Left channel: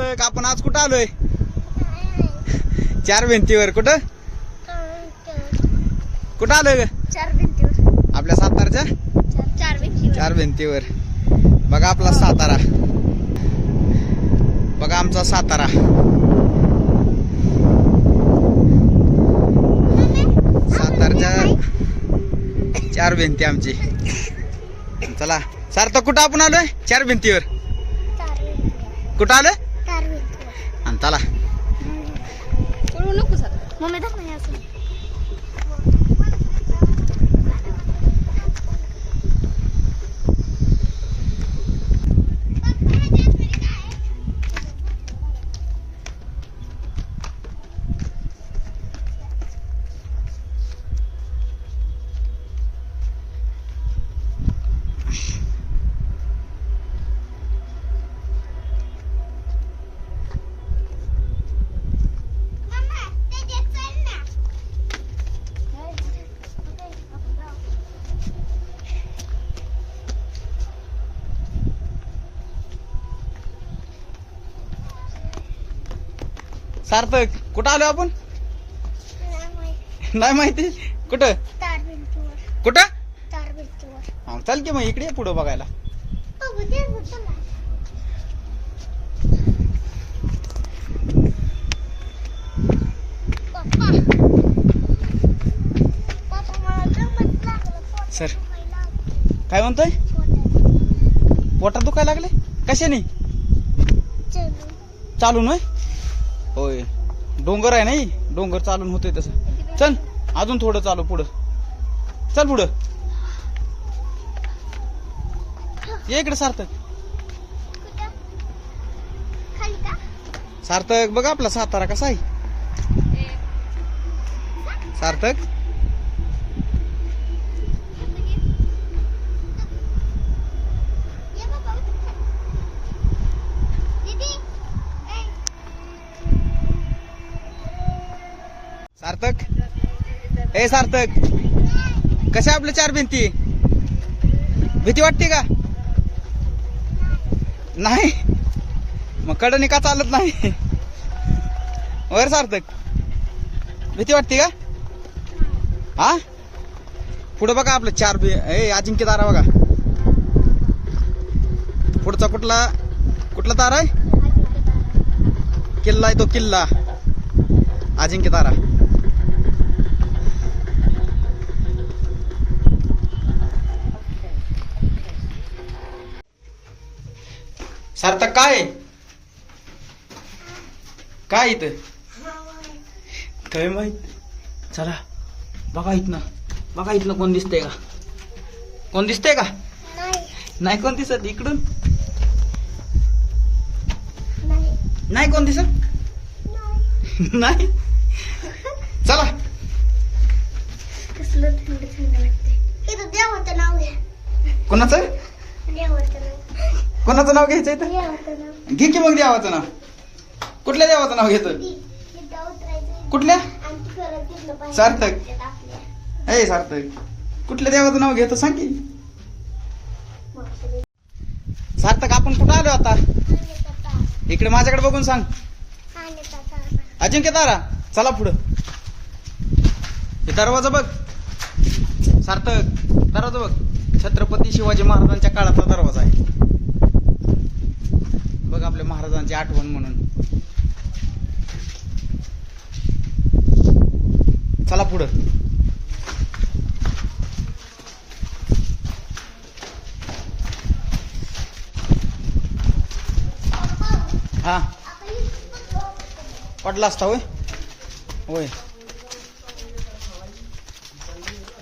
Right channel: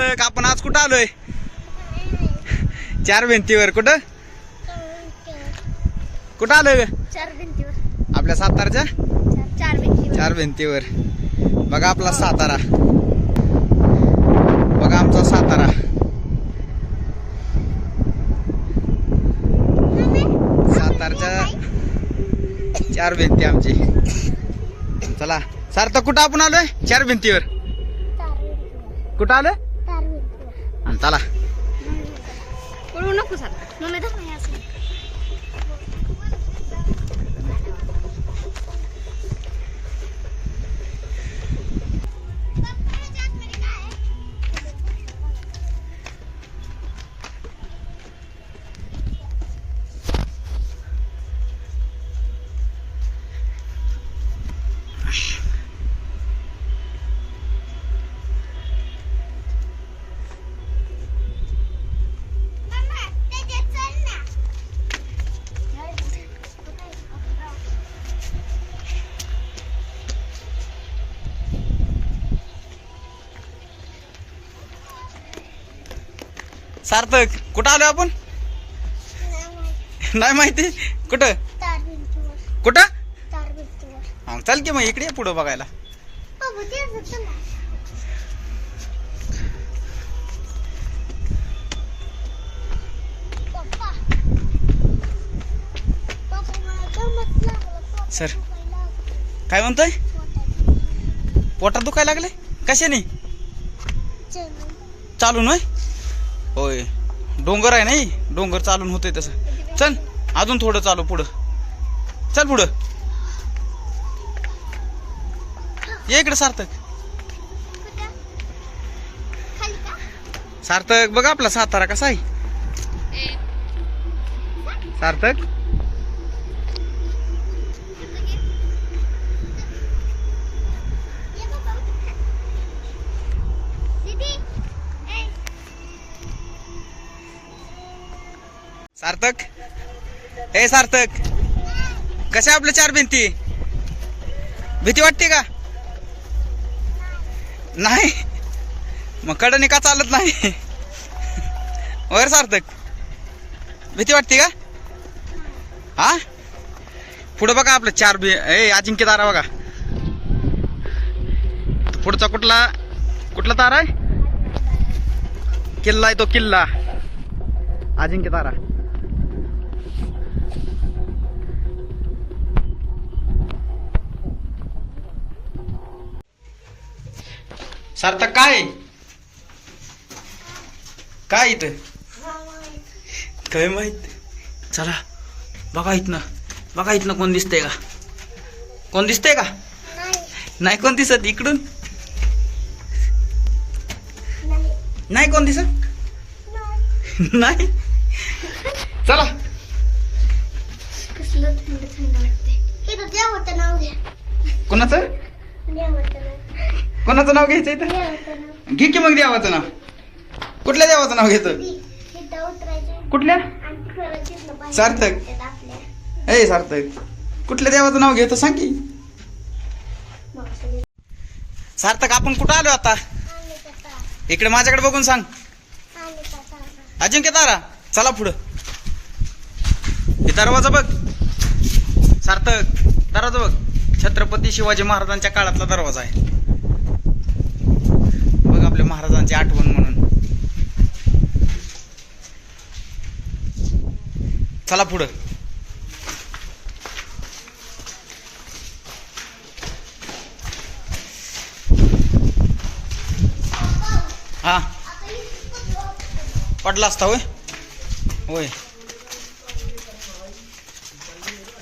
सार्थक आपण आज कुठं आलोय? चार भिंतीवर. कुठं कुठं आलोय? चार भिंतीवर. आपल्या सातारच्या चार भिंतीवर. बघा आपला सातारा, बघा आमचा सातारा. सातारच्या चार भिंती आमची. चला सार्थक कुठं आपण आलोय? चार भिंतीवर. कुठं आलोय? आणि चला नको सर मम्मी दाखव. सार्थक कुठं आलोय आपण? नाही माहिती. कुठं कुठं? हा चल की मग इकडे पुढं बघायला. सर काय म्हणतोय? पोटात दुखायला लागले कशाने? चालून होय. होय डोंगर आहे नाही, डोंगर चालून होतंय तसं. चल अजून थोडं चालू पुढं. चल पुढं ये इकडे. सार्थक सार्थक बघा आपला सातारा कसा आहे. सार्थक सार्थक ए सार्थक कशा आपल्या चार भिंती? भीती वाटते का? नाही मग कडनी का चालत नाही? वर सार्थक भीती वाटते का? हा पुढं बघा आपलं चार अजिंक्य तारा बघा. पुढचा कुठला कुठला तारा आहे? किल्ला आहे तो किल्ला अजिंक्य तारा. सार्थक काय काय इथं काय माहित? चला बघा इथनं, बघा इथनं कोण दिसतंय का? कोण दिसतंय का? नाही कोण दिसत. इकडून नाही कोण दिसत. नाही चला. कसलं थंड थंड वाटते. देवाचं नाव घ्या. कोणाचं कोणाचं नाव घ्यायचं इथं? घे की मग देवाचं नाव. कुठल्या देवाचं नाव घेतो? कुठल्या? सार्थक ए सार्थक कुठल्या देवाचं नाव घेतो सांग की. सार्थक आपण कुठं आलो आता? इकडे माझ्याकडे बघून सांग. अजिंक्य तारा चला पुढं. हे दरवाजा बघ सार्थक, दरवाजा बघ. छत्रपती शिवाजी महाराजांच्या काळातला दरवाजा आहे बघ, आपल्या महाराजांची आठवण म्हणून. चला पुढं. हा पडला असता होय. होय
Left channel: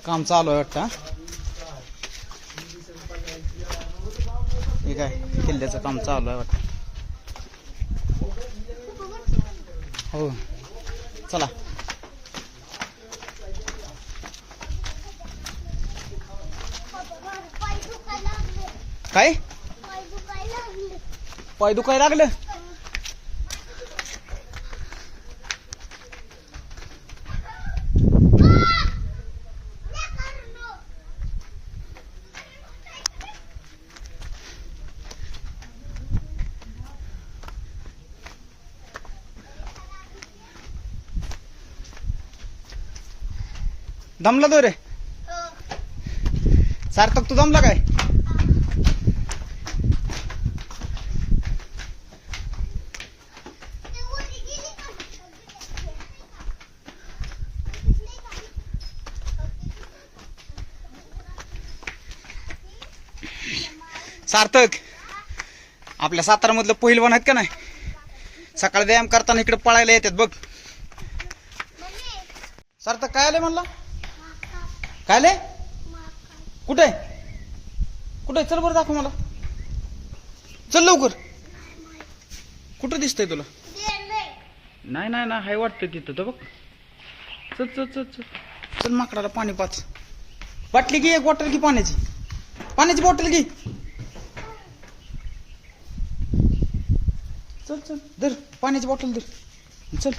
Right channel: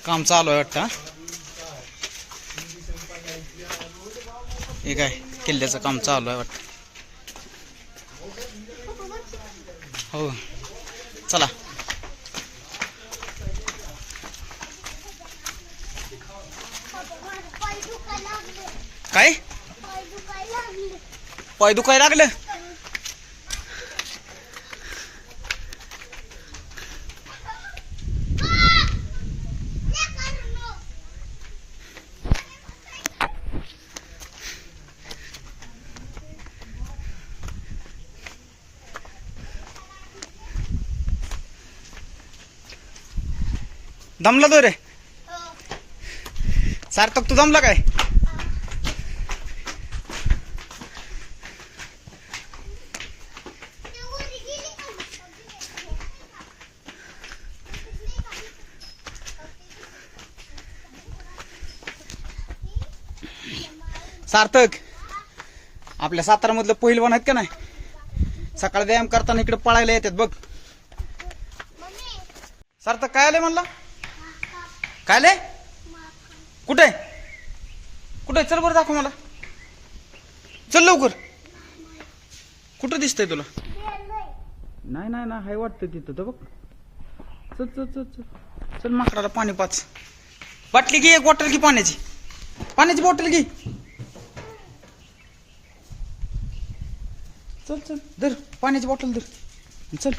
काम चालू आहे वाटतं. हे काय किल्ल्याचं काम चालू आहे वाटतं. हो चला. काय पाय दुखायला लागलं? दमला तो रे सार्थक, तू जमला काय? सार्थक, आपल्या सातारामधलं पहिलवान आहेत का नाही, सकाळी व्यायाम करताना इकडे पळायला येतात बघ. सार्थक काय आले म्हणला? काय आले? कुठे कुठे? चल बरं दाखव मला, चल लवकर. कुठं दिसतंय तुला? नाही नाही ना, हाय वाटतं तिथं तर बघ. चल चल चल चल चल, माकडाला पाणी पाच. बाटली घे, एक बॉटल घे पाण्याची, पाण्याची बॉटल घे. चल चल, धर पाण्याची बॉटल धर, चल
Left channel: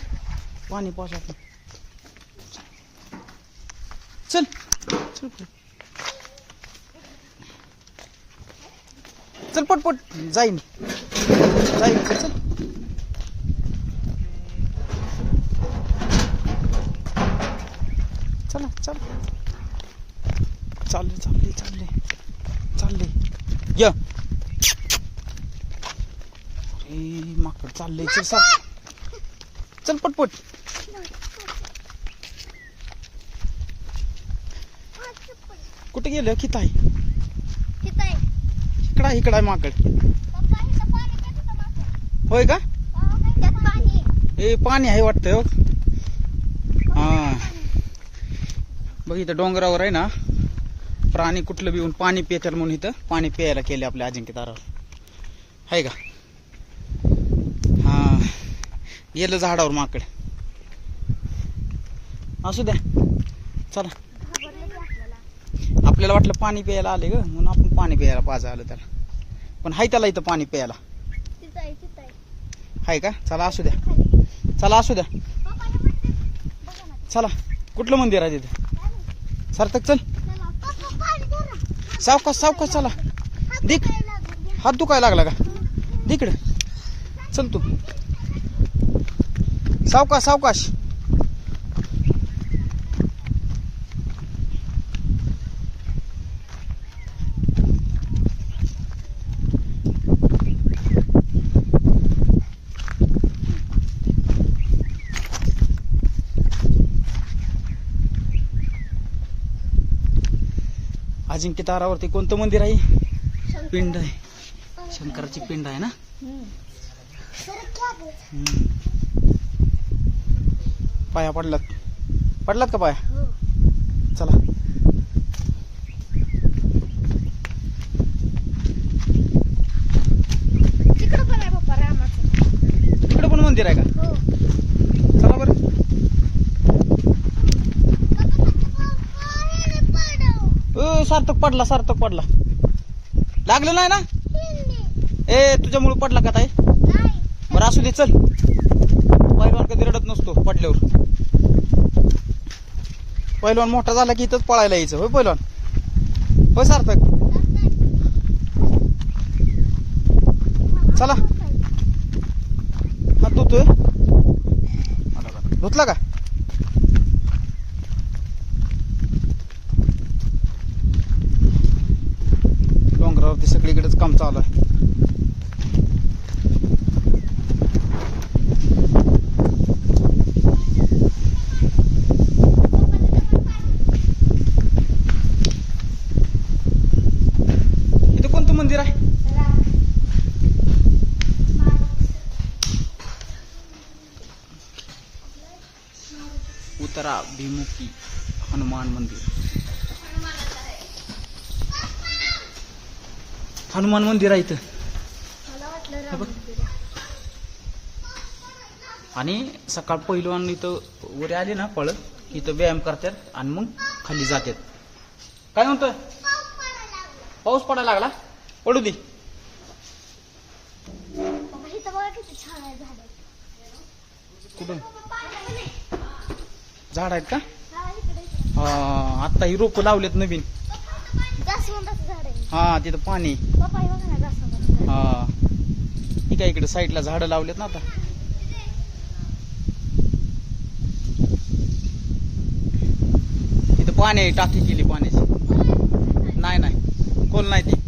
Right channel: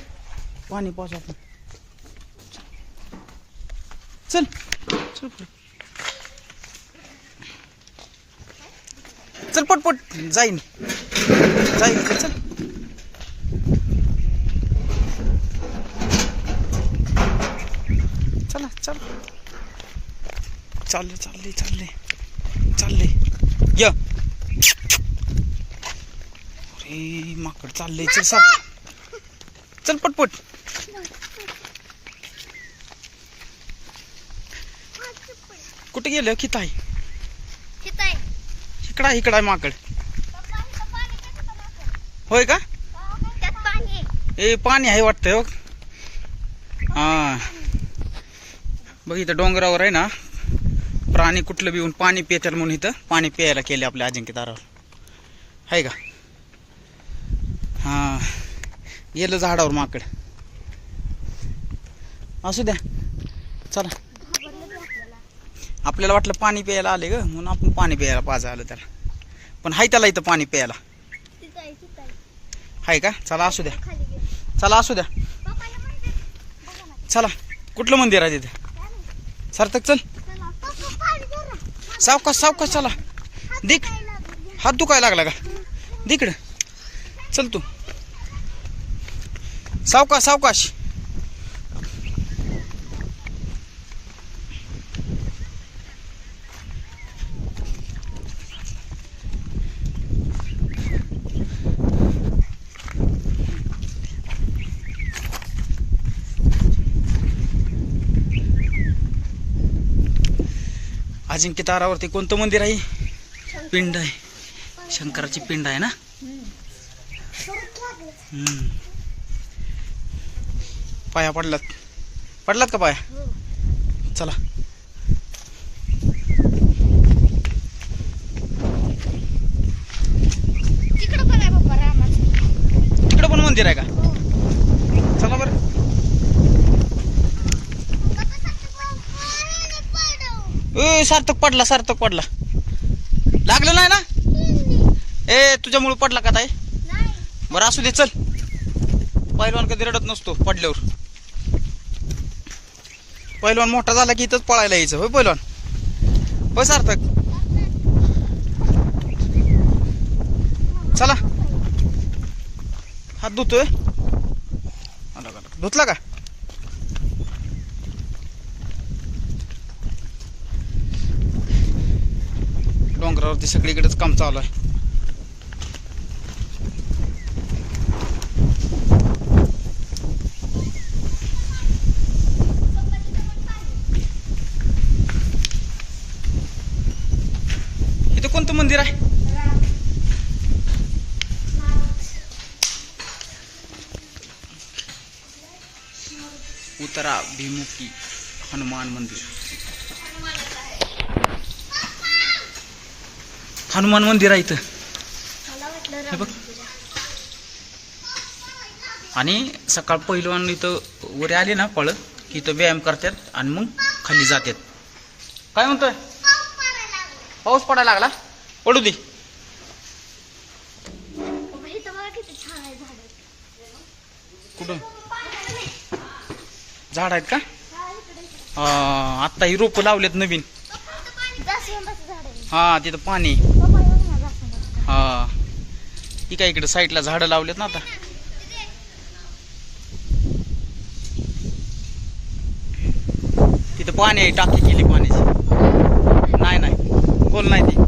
पाणी पाच आपण. चल चल चल पटपट, जाईन जाईन, चल. चला चल, चालले चालले चालले चालले, या. अरे माकड चाललंय, चल साप, चल पटपट. कुठे गेलं? किती आहे? इकडा इकडा आहे माकड. होय का? ए पाणी आहे वाटतंय हो. हा बघ, इथं डोंगरावर आहे ना, प्राणी कुठलं बी येऊन पाणी पितात म्हणून इथं पाणी प्यायला केले आपल्या अजिंक्य तारावर, आहे का? हा गेलं झाडावर माकड. असू द्या, चला. आपल्याला वाटलं पाणी प्यायला आले ग, म्हणून आपण पाणी प्यायला पाजा आलं त्याला, पण हाय त्याला इथं पाणी प्यायला, हाय का? चला असू द्या, चला असू द्या, चला. कुठलं मंदिर आहे तिथं? सार्थक चल, सावकाश सावकाश, चला. दिक, हात दुखायला लागला का? दिकडं चल तू, सावकाश सावकाश. अजिंक्य तारावरती कोणतं मंदिर आहे? पिंड आहे, शंकराची पिंड आहे ना. पाया पडलात? पडलात का पाया? चला. तिकडं पण मंदिर आहे का? चला बरं. ए सार्थक पडला, सार्थक पडला. लागलं नाही ना? ए तुझ्यामुळे पडला का ताई? बरं असू दे, चल. पहिलवान कधी रडत नसतो पडल्यावर. पहिलवान मोठा झाला की इथंच पळायला यायचं. होय पहिलवान? होय सार्थक? चला. हात धुतोय, धुतला का? डोंगरावरती सगळीकडेच काम चालू आहे. इथं कोणतं मंदिर आहे? उत्तराभिमुखी हनुमान मंदिर. हनुमान मंदिर आहे इथं, हे बघ. आणि सकाळ पहिलवान इथं वर आले ना पळत की इथं व्यायाम करतात आणि मग खाली जातात. काय म्हणतोय? पाऊस पडायला लागला? पडू दे. कुठं झाड आहेत का? आत्ता ही रोपं लावलेत नवीन. हा तिथं पाणी. हा ही काय इकडे साईडला झाडं लावलेत ना आता. तिथं इथं पाणी आहे, टाकी केली पाण्याची. नाही नाही खोल नाही ती.